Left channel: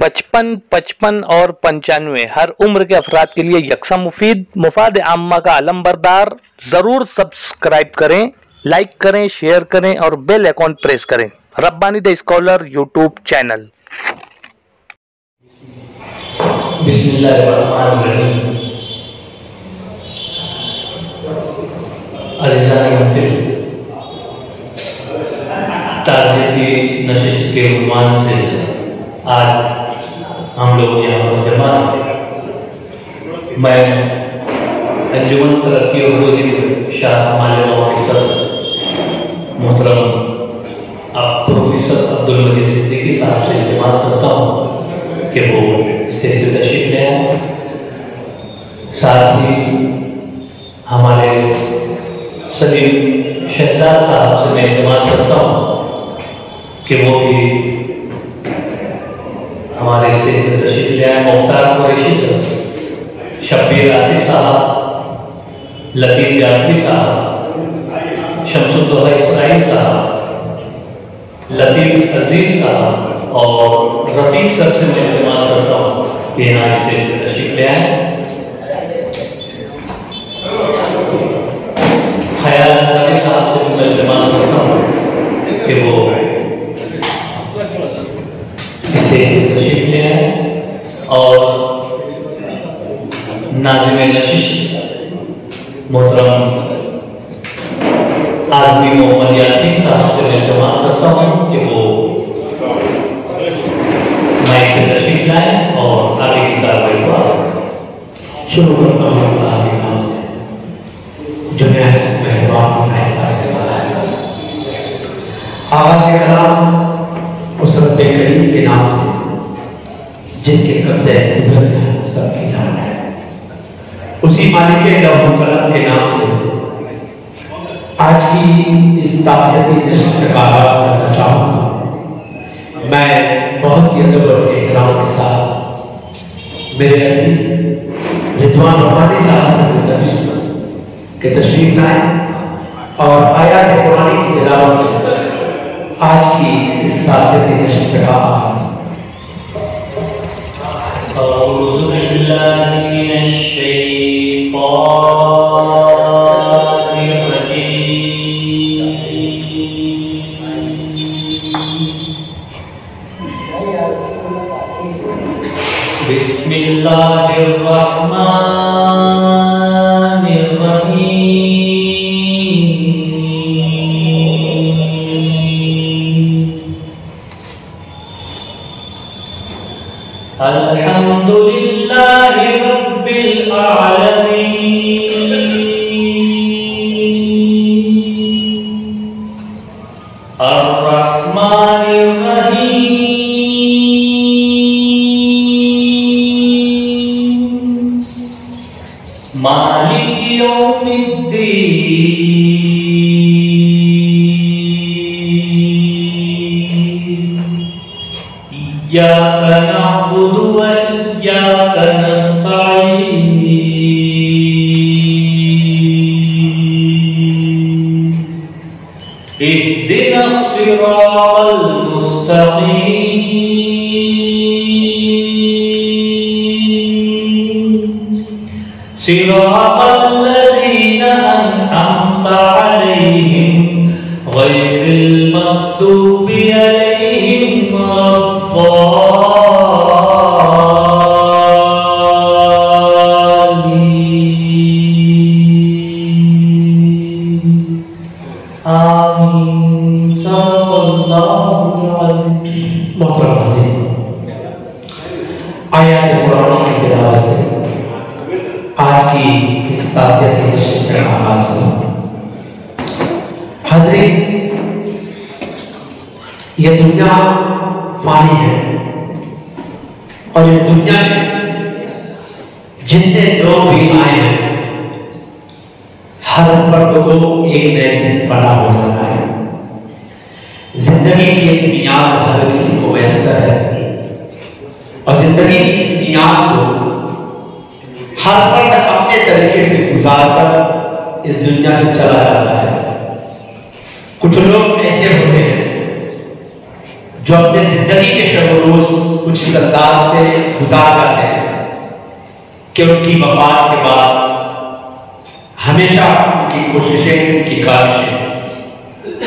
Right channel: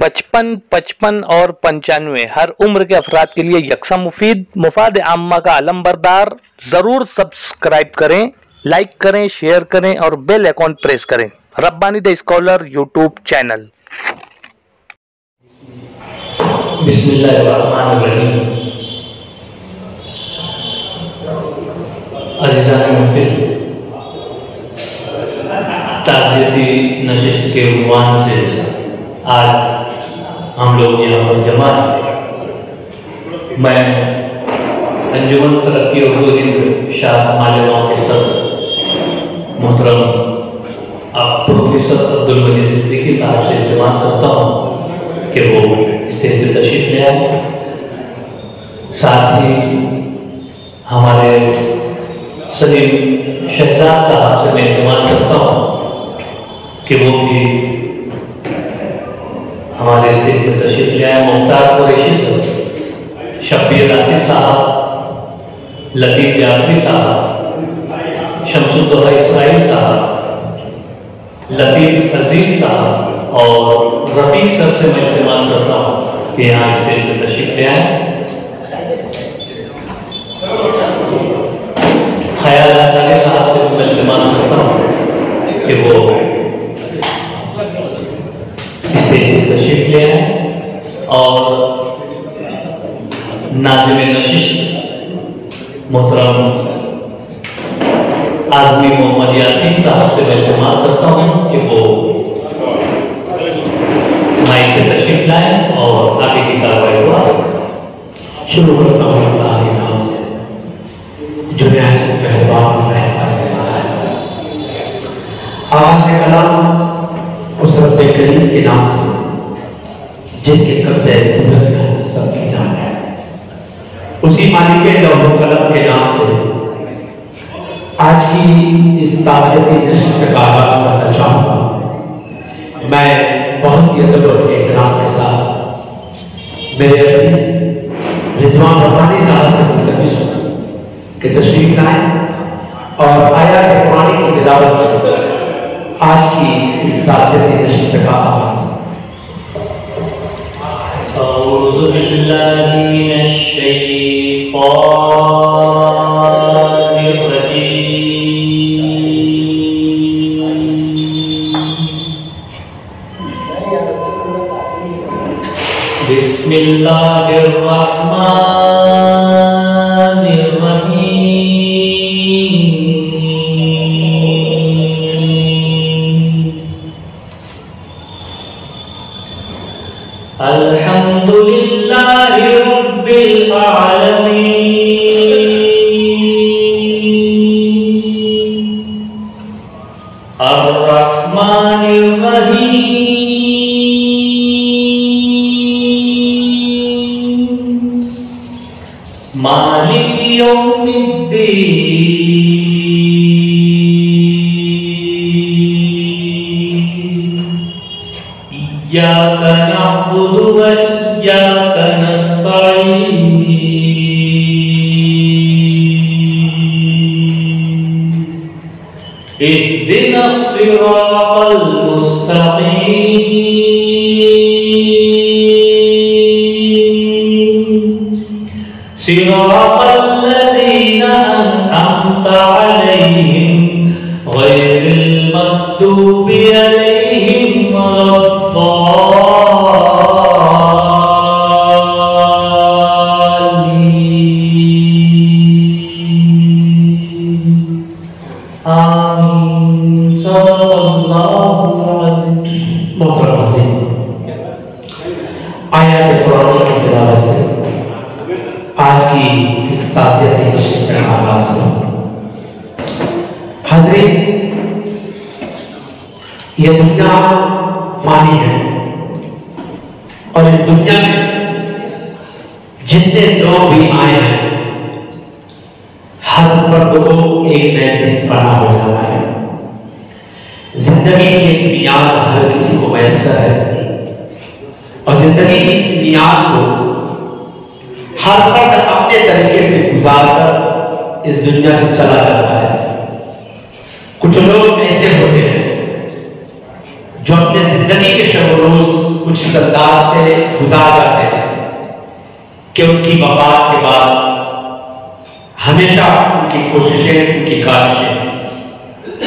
55, 55 और 95 हर उम्र के अफराद के लिए यकसा मुफीद, मुफाद आम्मा का अलमबरदार। जरूर सब्सक्राइब करें, लाइक करें, शेयर करें और बेल आइकॉन प्रेस करें। Rabbani the scholar YouTube channel. बिस्मिल्लाहिर्रहमानिर्रहीम। अज़ीज़ान महफिल, ताज़ियती नशिस्त के उन्वान से आज हम लोग यहाँ पर जमा हैं। मैं अंजुमन तरक्की और हिंद शाह मालेगांव के सदर मोहतरम प्रोफेसर अब्दुल मजीद सिद्दीकी साहब से इल्तिमास करता हूँ कि वो स्टेज पर तशरीफ ले आए। साथ ही हमारे सलीम शहजाद साहब से मैं इल्तिमास करता हूँ कि वो भी हमारे स्टेज पर तशरीफ ले आए। मुख्तार कुरैशी साहब, शब्बीर आसिफ साहब, लतीफ़ जाफरी साहब, शमसुद्दौला इसराइल साहब, लतीफ़ अजीज साहब और रफ़ीक सर से मैं इल्तिमास करता हूँ कि यहाँ स्टेज पर तशरीफ ले आए। ख्याल अंसारी साहब से भी मैं इल्तिमास करता हूँ कि वो स्टेज पर तशरीफ ले आए और नाज़िम नशिस्त मोहतरम आज़मी मोहम्मद यासीन साहब से मैं इल्तिमास करता हूँ कि वो माइक पे तशरीफ लाएं और आगे की कार्रवाई को आगे बढ़ाएं। शुरू करता हूँ अल्लाह के नाम से जो निहायत मेहरबान रहम करने वाला है। आगाज़ कलाम उस रब्बे करीम के नाम से जिसके कब्ज़े कुदरत में सबकी जान है, उसी मालिक लौह कलम के नाम से आज की इस ताज़ियती नशिस्त का आगाज़ करना चाहूँगा। मैं बहुत ही अदब और एहतराम के साथ मेरे अज़ीज़ रिजवान रब्बानी साहब से मुल्तमिस हूँ कि तशरीफ लाएं और आयात कुरानी की तिलावत से आज की इस ताज़ियती नशिस्त का आगाज़। औज़ु बिल्लाहि मिनश शैतानिर रजीम। बिस्मिल्लाहिर रहमानिर रहीम। अल्हम्दुलिल्लाहि रब्बिल आलमीन। अर्रहमानिर रहीम। मालिक यौमिद्दीन। इय्याका नअबुदु व इय्याका नस्तईन। इहदिनस सिरातल मुस्तकीम। सिरातल लज़ीना अनअमता अलैहिम गैरिल मग़दूबि अलैहिम आयात कुरानी की तिलावत से आज की इस ताज़ियती नशिस्त का आगाज़ हुआ। हाज़रीन, यह दुनिया फानी है और इस दुनिया में जितने लोग भी आए हैं हर फर्द को एक नए दिन फना हो जाना है। जिंदगी की एक मियाद हर किसी को मैसर है और जिंदगी की इस मियाद को हर फर्द अपने तरीके से गुजार कर इस दुनिया से चला जाता है। कुछ लोग ऐसे होते हैं जो अपने जिंदगी के शब रोज कुछ اس انداز سے گزار جاتے ہیں کہ ان کی وفات کے بعد ہمیشہ ان کی کوششیں، ان کی کاوشیں،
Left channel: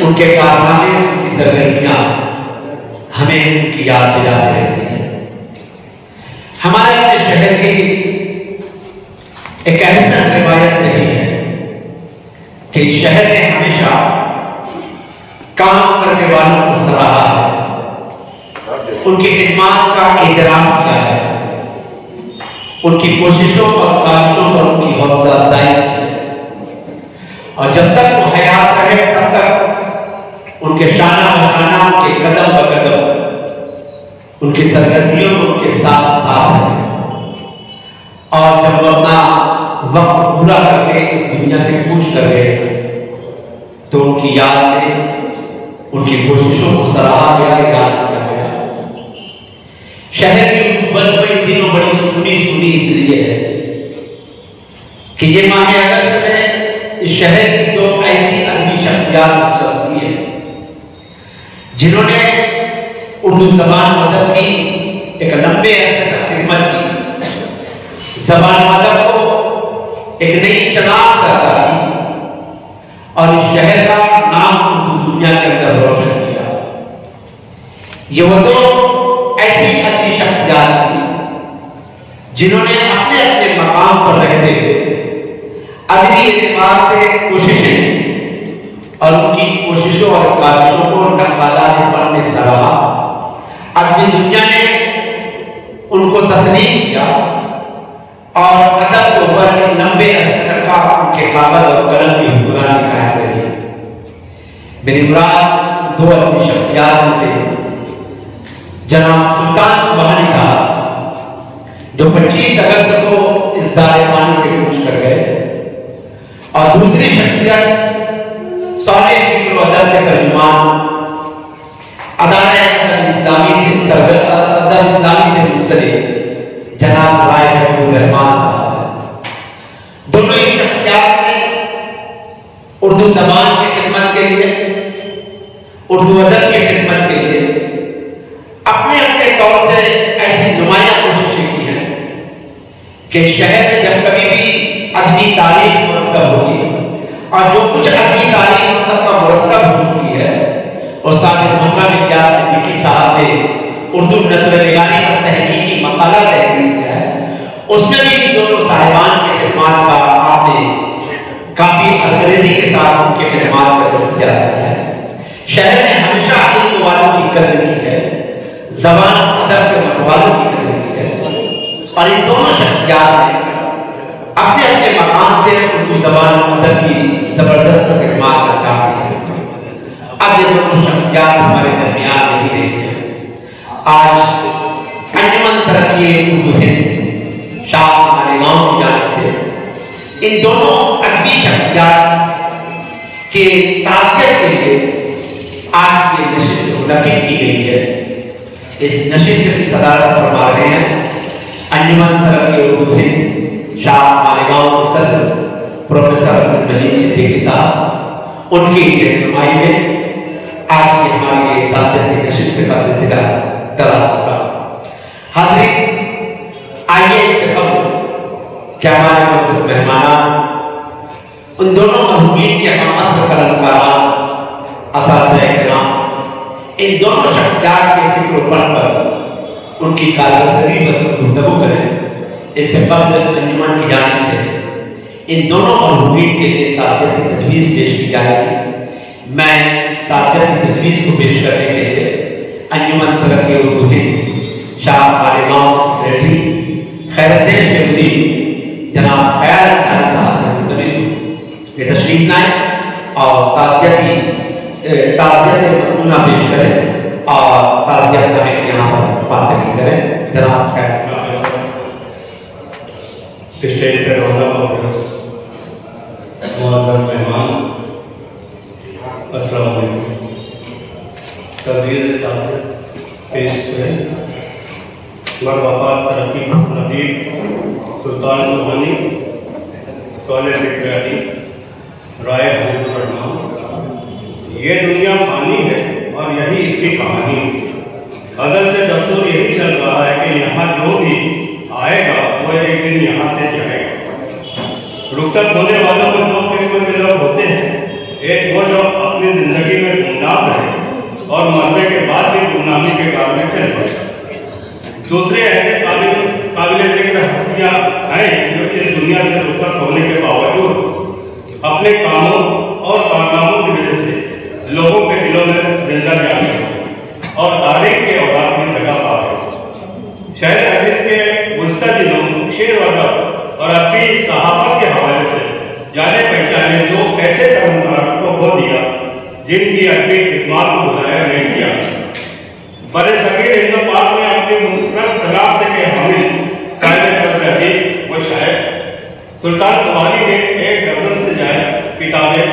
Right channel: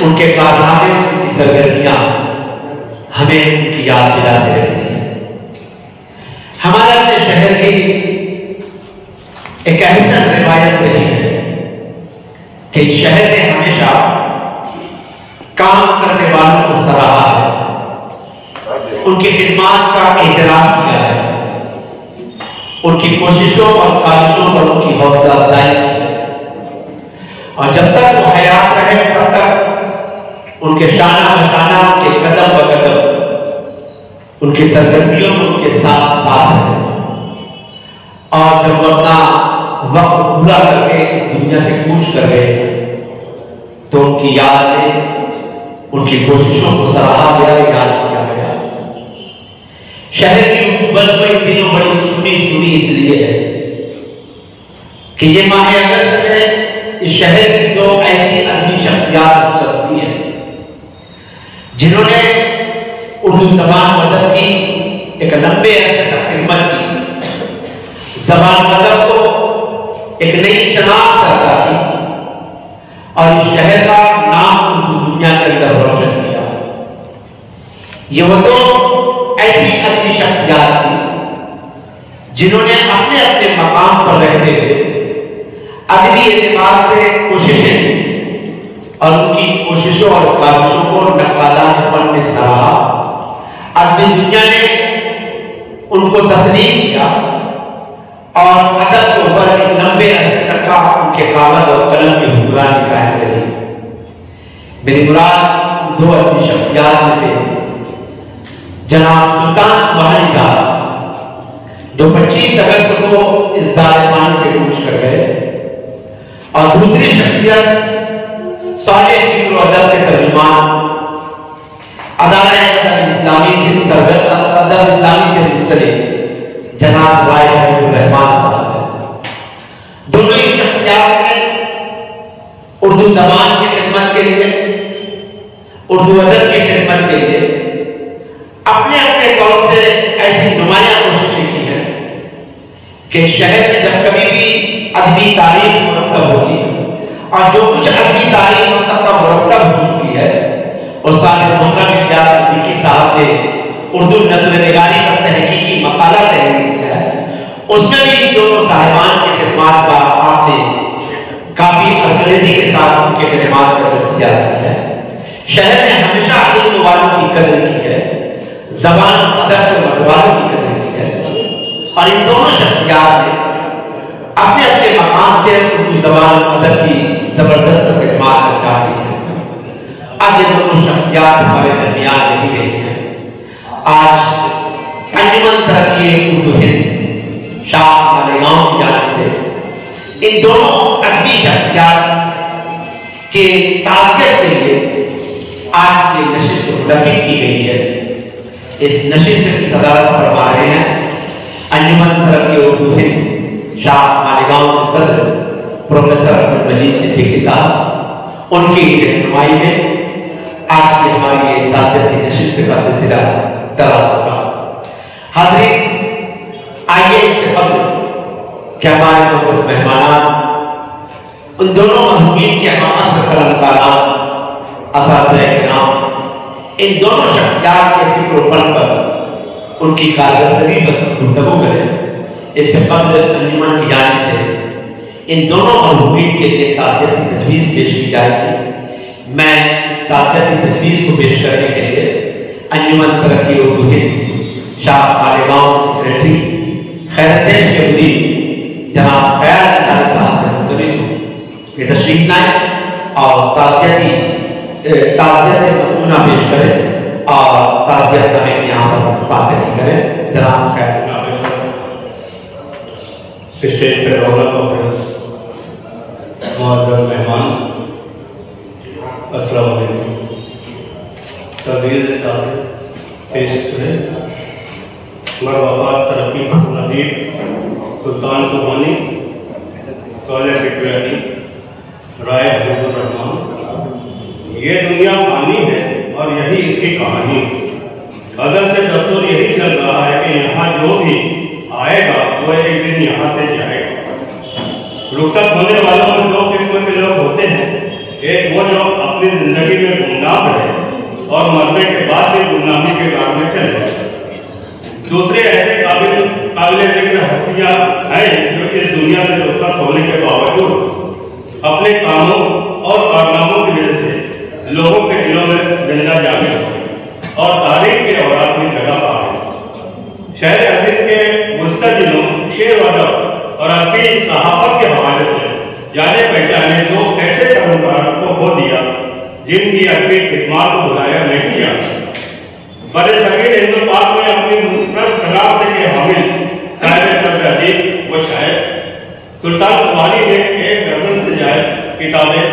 ان کے کارنامے، ان کی سرگرمیاں ہمیں ان کی یاد دلاتے رہتی ہیں۔ ہمارے اپنے شہر کی ایک احسن روایت رہی ہے کہ اس شہر نے ہمیشہ کام کرنے والوں کو سراہا ہے، ان کی خدمات کا احترام کیا ہے، ان کی کوششوں اور کاوشوں پر ان کی حوصلہ افزائی کی ہے، اور جب تک وہ حیات رہے تب تک ان کے شانہ بشانہ، ان کے قدم بقدم، ان کی سرگرمیوں میں ان کے ساتھ ساتھ رہے، اور جب وہ اپنا وقت پورا کر کے اس دنیا سے کوچ کر گئے تو ان کی یاد میں ان کی کوششوں کو سراہا گیا، یاد کیا گیا۔ شہر کی بس میں ان دنوں بڑی سنی اس لیے ہے کہ یہ ماہ اگست میں اس شہر کی دو ایسی ادبی شخصیات رخصت ہوئی ہیں جنہوں نے اردو زبان و ادب کی ایک لمبے عرصے تک خدمت کی، زبان و ادب کو ایک نئی شناخت عطا کی، اور اس شہر کا نام اردو دنیا کے اندر روشن کیا۔ یہ وہ دو ایسی ادبی شخصیات تھی جنہوں نے اپنے اپنے مقام پر رہتے ہوئے ادبی اعتبار سے کوششیں اور ان کی کوششوں اور کاوشوں کو نقادان فن میں سراہا۔ ادبی دنیا نے ان کو تسلیم کیا اور ادب کے اوپر ایک لمبے عرصے تک کا ان کے کاغذ اور قلم کی حکمرانی قائم رہی۔ میری مراد دو ادبی شخصیات میں سے جناب سلطان سبحانی صاحب جو 25 اگست کو اس دار پانی سے کوچ کر گئے، اور دوسری شخصیت صالح فکر و ادب کے ترجمان، ادارہ ادب اسلامی سے منسلک جناب رائے حبیب الرحمان صاحب۔ دونوں ہی شخصیات نے اردو زبان کی خدمت کے لیے، اردو ادب کی خدمت کے لیے اپنے اپنے طور سے ایسی نمایاں کوششیں کی ہیں کہ شہر میں جب کبھی بھی ادبی تاریخ مرتب ہوگی، اور جو کچھ ادبی تاریخ اس تک کا مرتب ہو چکی ہے، استاد محمد الیاس صدیقی صاحب نے اردو نثر نگاری پر تحقیقی مقالہ تحریر کیا ہے، اس میں بھی ان دونوں صاحبان کی خدمات کا آپ نے کافی انگریزی کے ساتھ ان کی خدمات کا تجزیہ کیا ہے۔ شہر نے ہمیشہ علم والوں کی قدر کی ہے، زبان ادب کے متوالوں کی قدر کی ہے، اور ان دونوں شخصیات نے اپنے اپنے مقام سے اردو زبان ادب کی زبردست خدمات انجام دی ہے۔ اب یہ دونوں شخصیات ہمارے درمیان نہیں رہی ہیں۔ آج انجمن ترقی اردو ہند شاہ مالیگاؤں کی جانب سے ان دونوں ادبی شخصیات کے تعزیت کے لیے آج یہ نشست منعقد کی گئی ہے۔ اس نشست کی صدارت فرما رہے ہیں انجمن ترقی اردو ہند شاہ مالیگاؤں کے صدر پروفیسر عبدالمجید صدیقی صاحب۔ ان کی رہنمائی میں آج کی ہماری یہ تعزیتی نشست کا سلسلہ دراز ہوگا۔ حاضرین، آئیے اس سے قبل کہ ہمارے معزز مہمانان ان دونوں مرحومین کے ہم عصر قلم کاران، اساتذہ کرام، ان دونوں شخصیات کے فکر و فن پر ان کی کارکردگی پر گفتگو کریں۔ اس سے قبل انجمن کی جانب سے ان دونوں مرحومین کے لیے تعزیتی تجویز پیش کی جائے گی۔ میں اس تعزیتی تجویز کو پیش کرنے کے لیے انجمن ترقی اردو ہند شاہ مالیگاؤں کے سیکریٹری خیرالدین کے مدیر جناب خیال انصاری صاحب سے ملتمس ہوں کہ تشریف لائیں اور تعزیت مسنونہ پیش کریں اور تعزیت نامے کی یہاں پر پاندگی کریں۔ جناب خیال اسٹیج پہ رونق معزز مہمان، السلام علیکم۔ تعزیت پیش کریں مرحبا ترقی پسند ادیب سلطان سبحانی، صالح فکر ادیب رائے حبیب الرحمان۔ یہ دنیا فانی ہے اور یہی اس کی کہانی۔ ازل سے دستور یہی چل رہا ہے रुखसत होने वालों में दो किस्म के लोग होते हैं। एक वो जो अपनी जिंदगी में गुमनाम रहे और मरने के बाद भी गुमनामी के कार में चले। दूसरे ऐसे काबिल जिक्र हस्तियां हैं जो इस दुनिया से रुखसत होने के बावजूद अपने कामों और कारनामों की वजह से लोगों के दिलों में जिंदा जागृत हो और तारीख के औरात में जगह पा गए। शहर अजीज के मुस्तजिलों, शेर वदब और अदबी सहाफत के हवाले से जाने पहचाने दो ऐसे कर्मकार को खो दिया जिनकी अदबी खिदमत को भुलाया नहीं जा सकता। बड़े सगीर हिंदू पाक में अपनी मुफरद शनाख्त के हामिल साहिब तर्ज अदीब व शायर सुल्तान सुबहानी ने 1 दर्जन से ज्यादा किताबें,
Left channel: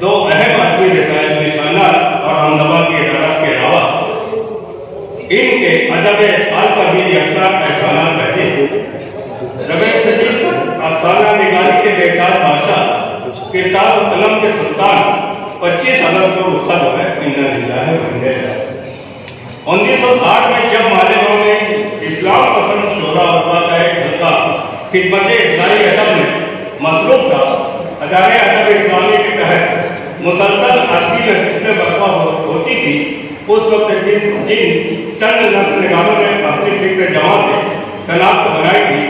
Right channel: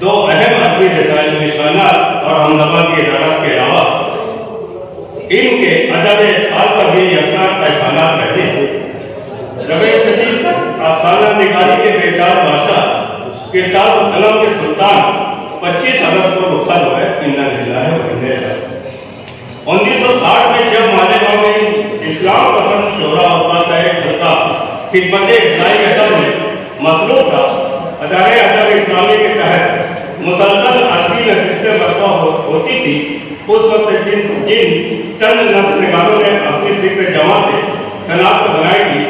2 अहम अदबी रसायल, निशानात और हमदमा की इदारत के अलावा इनके अदब हाल पर भी यकसा एहसानात रहे। रबे सदी तक अफसाना निगारी के बेकार बादशाह किरतास कलम के सुल्तान 25 अगस्त को रुखसत हुए। इन्ना लिल्लाहि व इन्ना इलैहि राजिऊन। 1960 में जब मालेगांव में इस्लाम पसंद शोरा और का एक हल्का खिदमत इस्लामी अदब में मसरूफ था, अदारे अदब इस्लामी के तहत मुसलसल अदबी नशिस्तें बर्पा होती थी। उस वक्त जिन चंद नस्ल निगारों ने अपनी फिक्र जमा से शनाख्त बनाई थी,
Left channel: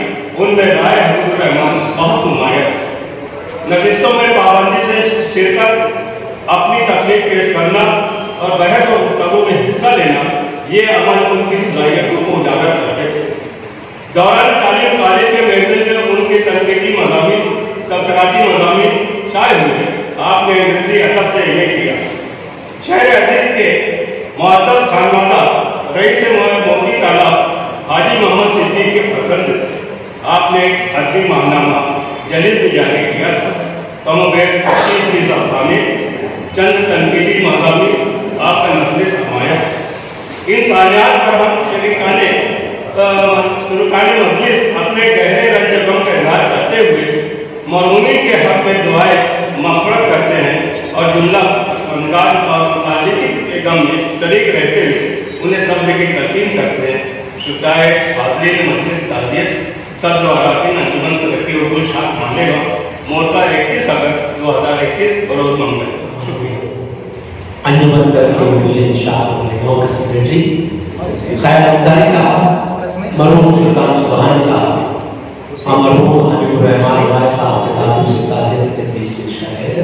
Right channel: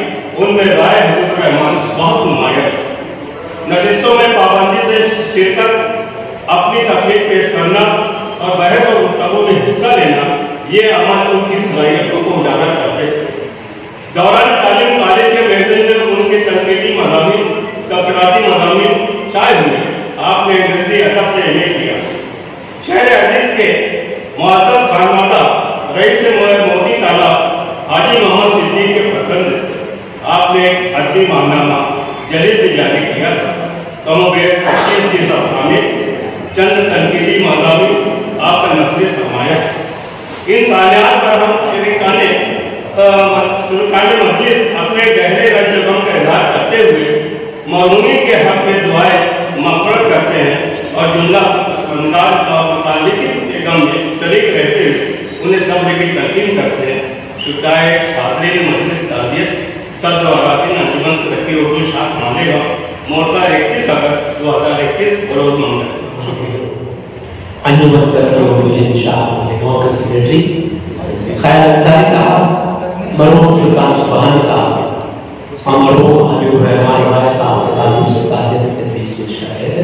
उनमें राय हबीबुर रहमान बहुत नुमाया था। नशिस्तों में पाबंदी से शिरकत, अपनी तकलीफ पेश करना और बहस और गुफ्तगू में हिस्सा लेना, ये अमल उनकी सलाहियतों को उजागर करते थे। दौरान तालीम कॉलेज के महफिल में उनके तनकीदी मज़ामीन, तबसराती मज़ामीन शाये हुए। आपने अंग्रेजी अदब से MA किया। शहर अजीज के मुअज़्ज़ज़ खानवादा रईस मोती तालाब हाजी मोहम्मद सिद्दीक के फर्जंद आपने एक अदबी माहनामा जलील भी जारी किया था। कमोबेश 25 अफसाने, चंद तनकीदी मज़ामीन आपका नस्ल सरमाया। इन सानियात पर हम शरीकाने मजलिस अपने गहरे रंज गम का इजहार करते हुए मरहूमीन के हक में दुआएं मग़फ़िरत करते हैं और जुमला पसमंदार और मुतालिकी के गम में शरीक रहते हुए उन्हें सब्र की तलकीन करते हैं। शुदाए हाज़रीन मजलिस ताज़ियत सदर व अराकीन अंजुमन तरक्की उर्दू शाख मालेगांव मोरका 31 अगस्त 2021 बरोज़ मंगल। शुक्रिया। अंजुमन तरक्की उर्दू शाख मालेगांव के सेक्रेटरी खैर अंसारी साहब, मरहूम सुल्तान सुबहानी साहब और मरहूम हबीबुर रहमान राय साहब के ताल्लुक से ताज़ियत तदरीस पेश कर रहे थे।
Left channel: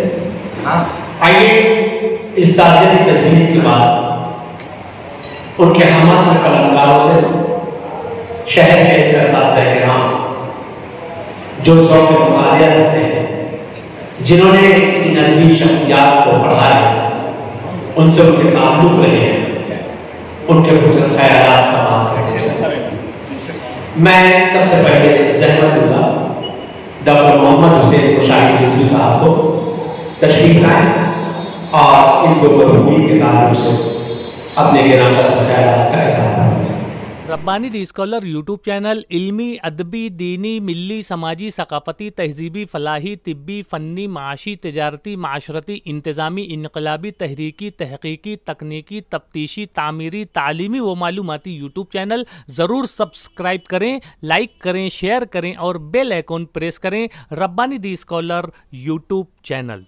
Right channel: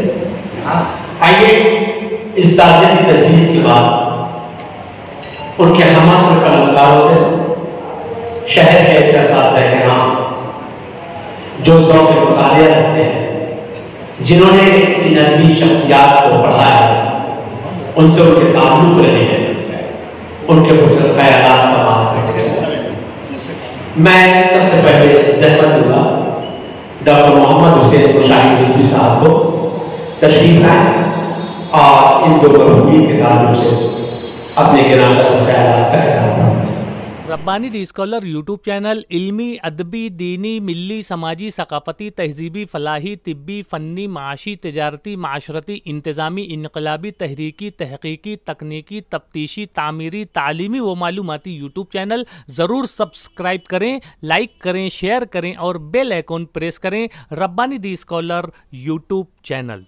आइए इस ताज़ियत तदरीस के बाद उनके हमअसर कलमकारों से, शहर के ऐसे असातिज़ा किराम जो ज़ौक़ मुतालिया रखते हैं, जिन्होंने इन अदबी शख्सियात को पढ़ाया, उनसे उनके ताल्लुक रहे हैं, उनके कुछ ख्यालात समाअत करके चले। मैं सबसे पहले ज़हमत दूंगा डॉक्टर मोहम्मद हुसैन कुशानी रिज़वी साहब को तशरीफ लाएं और इन दो मरहूमीन के ताल्लुक से अपने गिरामत ख्यालात का इज़हार करें। रब्बानी दी स्कॉलर यूट्यूब चैनल इल्मी, अदबी, दीनी, मिली, समाजी, सकाफती, तहजीबी, फलाही, तिब्बी, फ़न्नी, माशी, तिजारती, माशरती, इंतज़ामी, इनकलाबी, तहरीकी, तहक़ीक़ी, तकनीकी, तफ्तीशी, तामीरी, तालीमी व मालूमाती यूट्यूब चैनल ज़रूर सब्सक्राइब करें, लाइक करें, शेयर करें और बेल आइकन प्रेस करें। रब्बानी दी स्कॉलर यूट्यूब चैनल।